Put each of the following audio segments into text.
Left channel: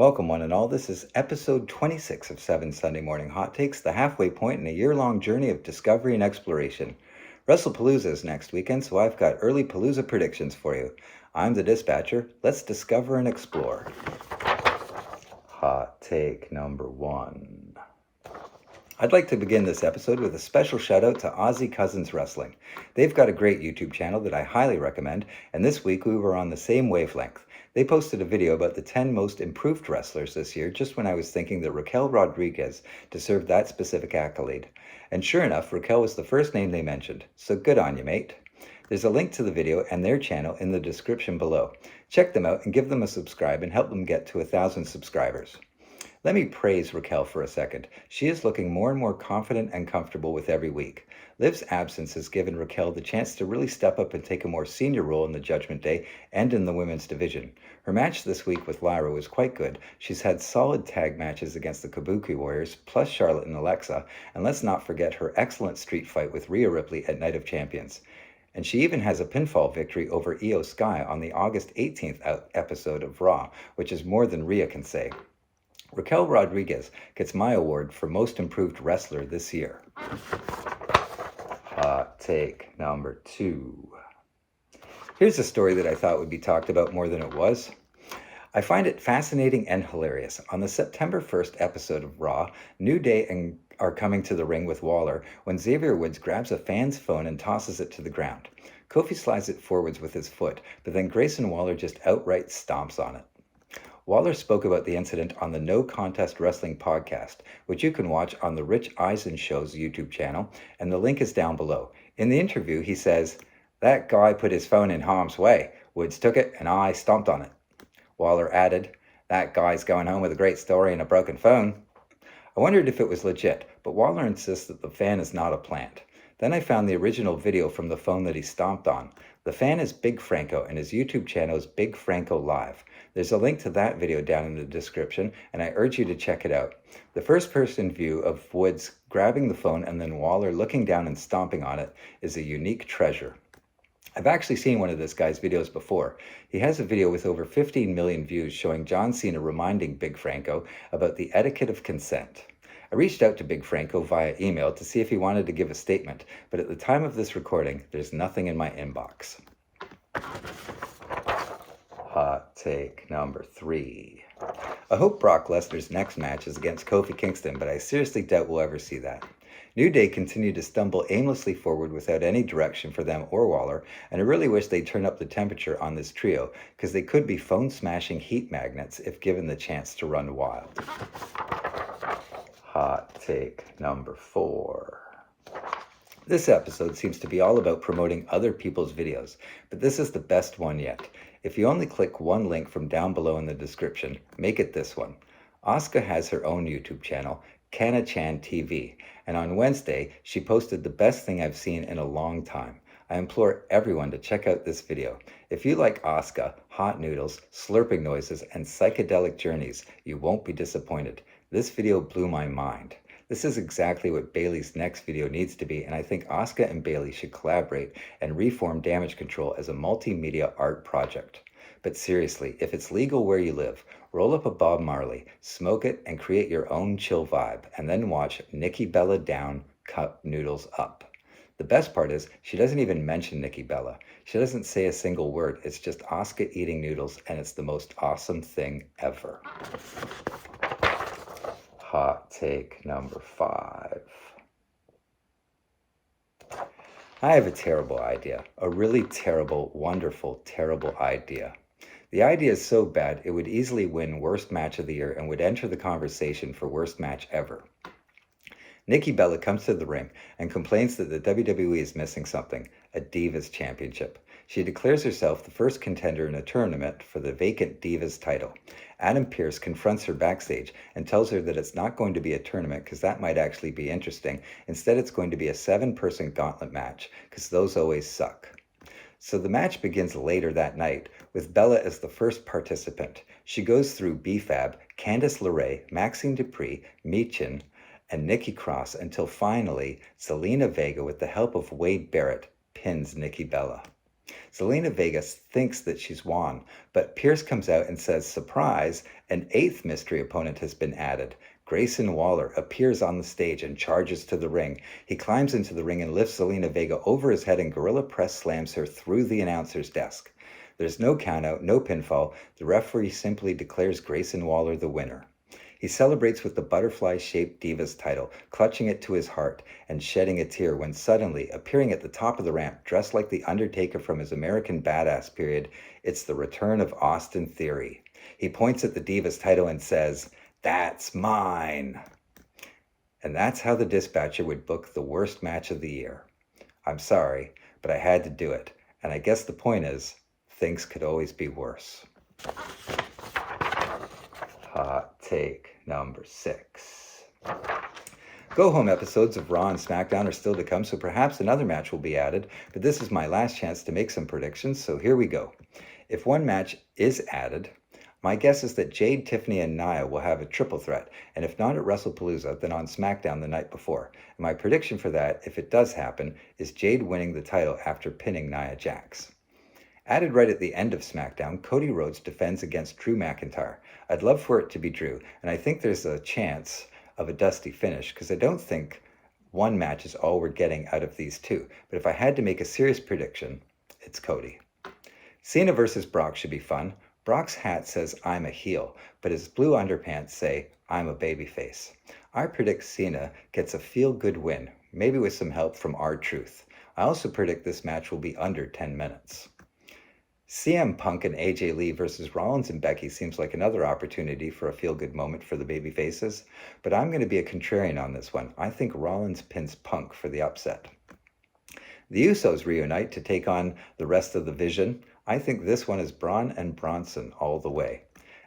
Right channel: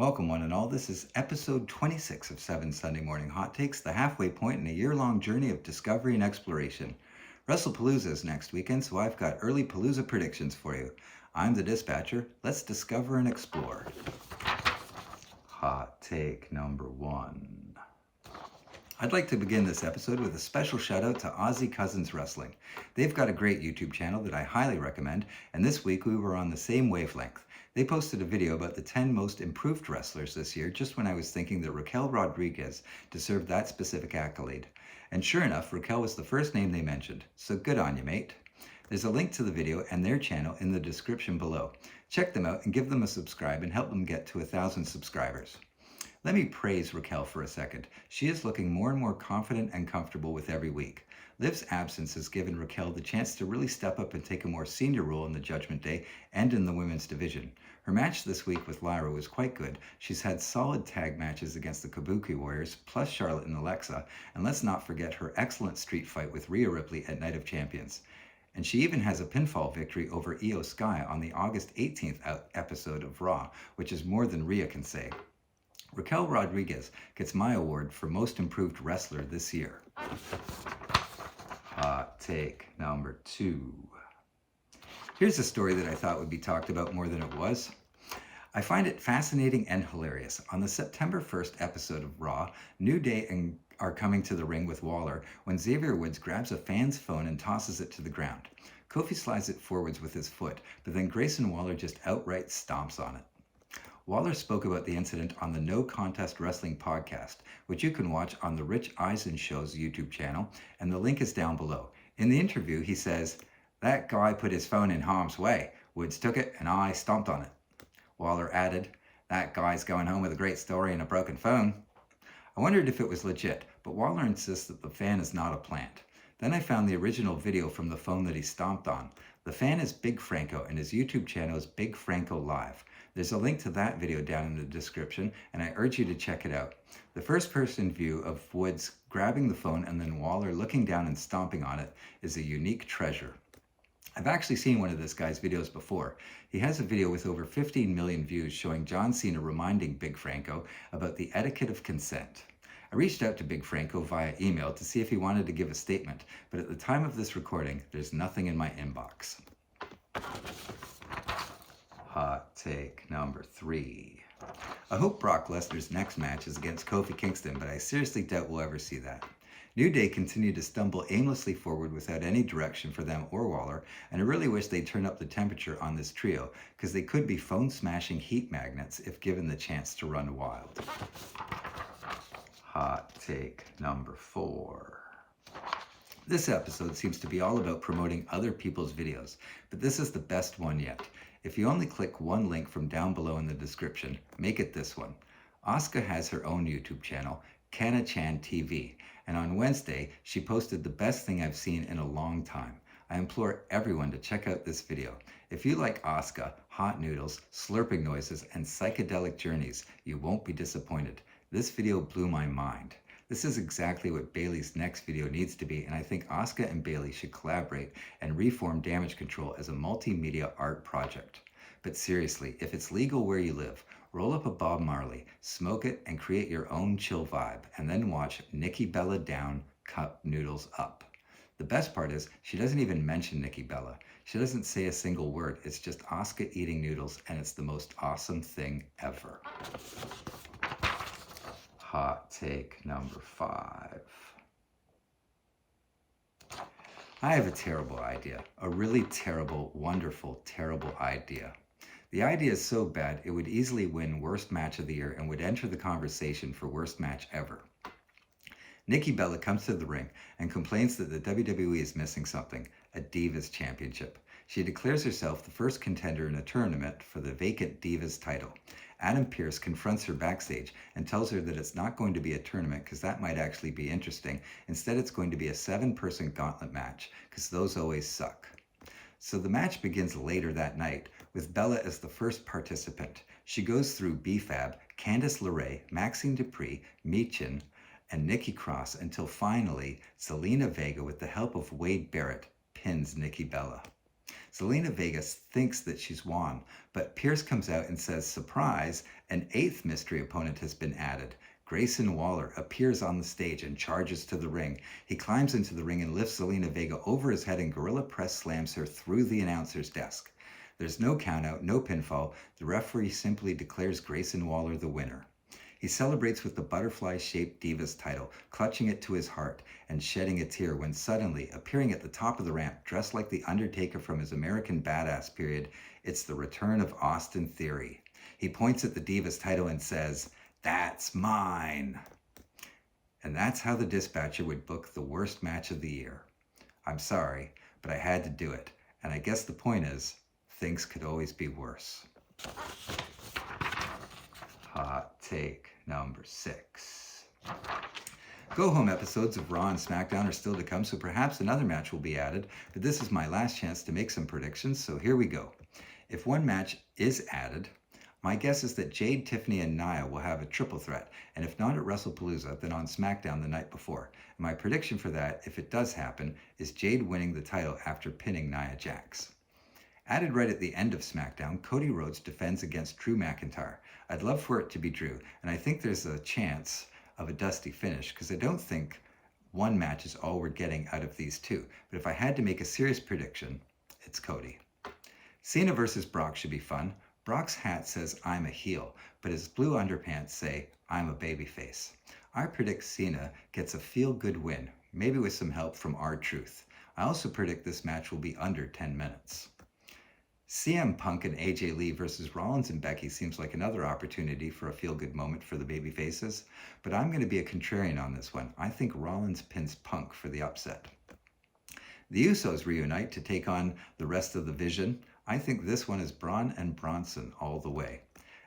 Welcome, one and all. This is episode 26 of 7 Sunday Morning Hot Takes, the halfway point in a year-long journey of discovery and exploration. Wrestlepalooza is next weekend, so I've got early Palooza predictions for you. I'm the dispatcher. Let's discover and explore. Hot take number 1. I'd like to begin this episode with a special shout out to Aussie Cousins Wrestling. They've got a great YouTube channel that I highly recommend, and this week we were on the same wavelength. They posted a video about the 10 most improved wrestlers this year just when I was thinking that Raquel Rodriguez deserved that specific accolade. And sure enough, Raquel was the first name they mentioned, so good on you, mate. There's a link to the video and their channel in the description below. Check them out and give them a subscribe and help them get to 1,000 subscribers. Let me praise Raquel for a second. She is looking more and more confident and comfortable with every week. Liv's absence has given Raquel the chance to really step up and take a more senior role in the Judgment Day and in the women's division. Her match this week with Lyra was quite good. She's had solid tag matches against the Kabuki Warriors, plus Charlotte and Alexa, and let's not forget her excellent street fight with Rhea Ripley at Night of Champions. And she even has a pinfall victory over Io Sky on the August 18th episode of Raw, which is more than Rhea can say. Raquel Rodriguez gets my award for Most Improved Wrestler this year. Hot take number 2. Here's a story that I thought would be talked about more than it was. I find it fascinating and hilarious. On the September 1st episode of Raw, New Day are coming to the ring with Waller when Xavier Woods grabs a fan's phone and tosses it to the ground. Kofi slides it forwards with his foot, but then Grayson Waller just outright stomps on it. Waller spoke about the incident on the No Contest Wrestling podcast, which you can watch on the Rich Eisen Show's YouTube channel, and the link is down below. In the interview, he says, "That guy put his phone in harm's way. Woods took it, and I stomped on it." Waller added, "That guy's going home with a great story and a broken phone." I wondered if it was legit, but Waller insists that the fan is not a plant. Then I found the original video from the phone that he stomped on. The fan is Big Franco, and his YouTube channel is Big Franco Live. There's a link to that video down in the description, and I urge you to check it out. The first-person view of Woods grabbing the phone and then Waller looking down and stomping on it is a unique treasure. I've actually seen one of this guy's videos before. He has a video with over 15 million views showing John Cena reminding Big Franco about the etiquette of consent. I reached out to Big Franco via email to see if he wanted to give a statement, but at the time of this recording, there's nothing in my inbox. Hot take number 3. I hope Brock Lesnar's next match is against Kofi Kingston, but I seriously doubt we'll ever see that. New Day continue to stumble aimlessly forward without any direction for them or Waller, and I really wish they'd turn up the temperature on this trio, because they could be phone-smashing heat magnets if given the chance to run wild. Hot take number 4. This episode seems to be all about promoting other people's videos, but this is the best one yet. If you only click one link from down below in the description, make it this one. Asuka has her own YouTube channel, Kana-chan TV, and on Wednesday, she posted the best thing I've seen in a long time. I implore everyone to check out this video. If you like Asuka, hot noodles, slurping noises, and psychedelic journeys, you won't be disappointed. This video blew my mind. This is exactly what Bayley's next video needs to be, and I think Asuka and Bayley should collaborate and reform Damage Control as a multimedia art project. But seriously, if it's legal where you live, roll up a Bob Marley, smoke it, and create your own chill vibe, and then watch Nikki Bella down, cup Noodles up. The best part is, she doesn't even mention Nikki Bella. She doesn't say a single word. It's just Asuka eating noodles, and it's the most awesome thing ever. Hot take number 5. I have a terrible idea. A really terrible, wonderful, terrible idea. The idea is so bad, it would easily win Worst Match of the Year and would enter the conversation for Worst Match Ever. Nikki Bella comes to the ring and complains that the WWE is missing something, a Divas Championship. She declares herself the first contender in a tournament for the vacant Divas title. Adam Pearce confronts her backstage and tells her that it's not going to be a tournament because that might actually be interesting. Instead, it's going to be a 7-person gauntlet match because those always suck. So the match begins later that night with Bella as the first participant. She goes through B-Fab, Candice LeRae, Maxine Dupree, Michin, and Nikki Cross until finally Zelina Vega, with the help of Wade Barrett, pins Nikki Bella. Zelina Vega thinks that she's won, but Pierce comes out and says, surprise, an 8th mystery opponent has been added. Grayson Waller appears on the stage and charges to the ring. He climbs into the ring and lifts Zelina Vega over his head and gorilla press slams her through the announcer's desk. There's no countout, no pinfall. The referee simply declares Grayson Waller the winner. He celebrates with the butterfly-shaped Divas title, clutching it to his heart and shedding a tear when suddenly, appearing at the top of the ramp, dressed like the Undertaker from his American Badass period, it's the return of Austin Theory. He points at the Divas title and says, "That's mine." And that's how the Dispatcher would book the worst match of the year. I'm sorry, but I had to do it. And I guess the point is, things could always be worse. Hot take number 6. Go-home episodes of Raw and SmackDown are still to come, so perhaps another match will be added, but this is my last chance to make some predictions, so here we go. If one match is added, my guess is that Jade, Tiffany, and Nia will have a triple threat, and if not at Wrestlepalooza, then on SmackDown the night before. And my prediction for that, if it does happen, is Jade winning the title after pinning Nia Jax. Added right at the end of SmackDown, Cody Rhodes defends against Drew McIntyre. I'd love for it to be Drew, and I think there's a chance of a dusty finish, because I don't think one match is all we're getting out of these two. But if I had to make a serious prediction, it's Cody. Cena versus Brock should be fun. Brock's hat says, "I'm a heel," but his blue underpants say, "I'm a babyface." I predict Cena gets a feel-good win, maybe with some help from R-Truth. I also predict this match will be under 10 minutes. CM Punk and AJ Lee versus Rollins and Becky seems like another opportunity for a feel-good moment for the babyfaces, but I'm going to be a contrarian on this one. I think Rollins pins Punk for the upset. The Usos reunite to take on the rest of the Vision. I think this one is Braun and Bronson all the way.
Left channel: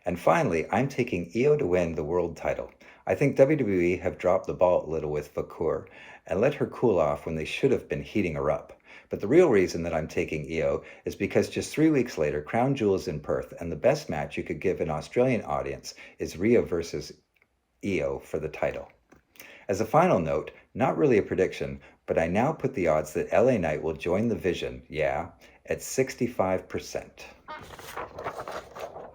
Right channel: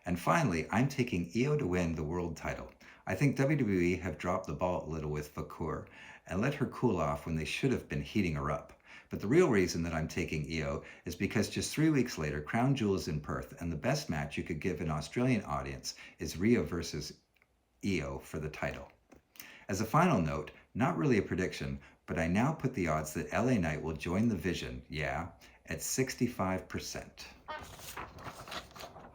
And finally, I'm taking Io to win the world title. I think WWE have dropped the ball a little with Vakur and let her cool off when they should have been heating her up. But the real reason that I'm taking Io is because just 3 weeks later, Crown Jewel is in Perth, and the best match you could give an Australian audience is Rhea versus Io for the title. As a final note, not really a prediction, but I now put the odds that LA Knight will join the Vision, at 65%.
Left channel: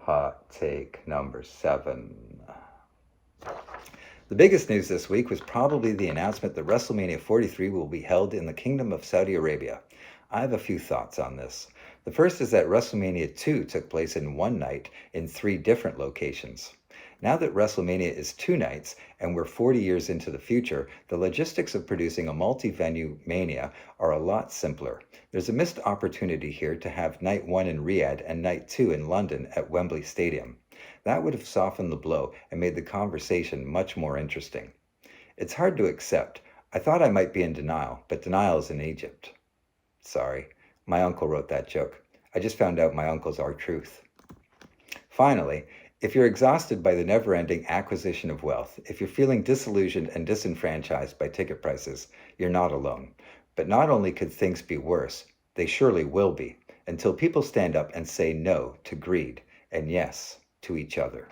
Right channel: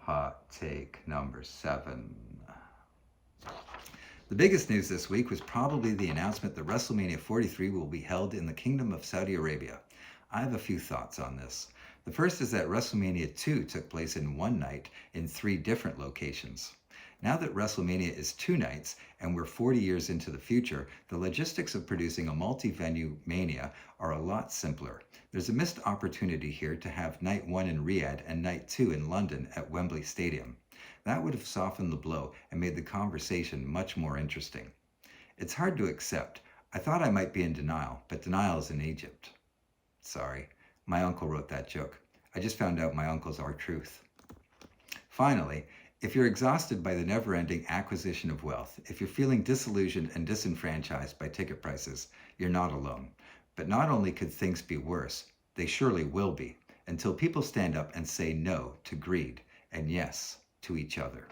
Hot take number 7. The biggest news this week was probably the announcement that WrestleMania 43 will be held in the Kingdom of Saudi Arabia. I have a few thoughts on this. The first is that WrestleMania 2 took place in one night in 3 different locations. Now that WrestleMania is 2 nights and we're 40 years into the future, the logistics of producing a multi-venue Mania are a lot simpler. There's a missed opportunity here to have night 1 in Riyadh and night 2 in London at Wembley Stadium. That would have softened the blow and made the conversation much more interesting. It's hard to accept. I thought I might be in denial, but denial is in Egypt. Sorry, my uncle wrote that joke. I just found out my uncle's R-Truth. Finally, if you're exhausted by the never-ending acquisition of wealth, if you're feeling disillusioned and disenfranchised by ticket prices, you're not alone. But not only could things be worse, they surely will be, until people stand up and say no to greed, and yes to each other.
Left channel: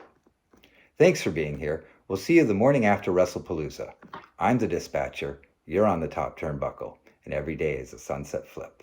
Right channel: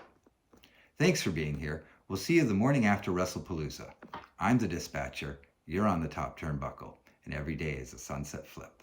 Thanks for being here. We'll see you the morning after Wrestlepalooza. I'm the Dispatcher, you're on the top turnbuckle, and every day is a sunset flip.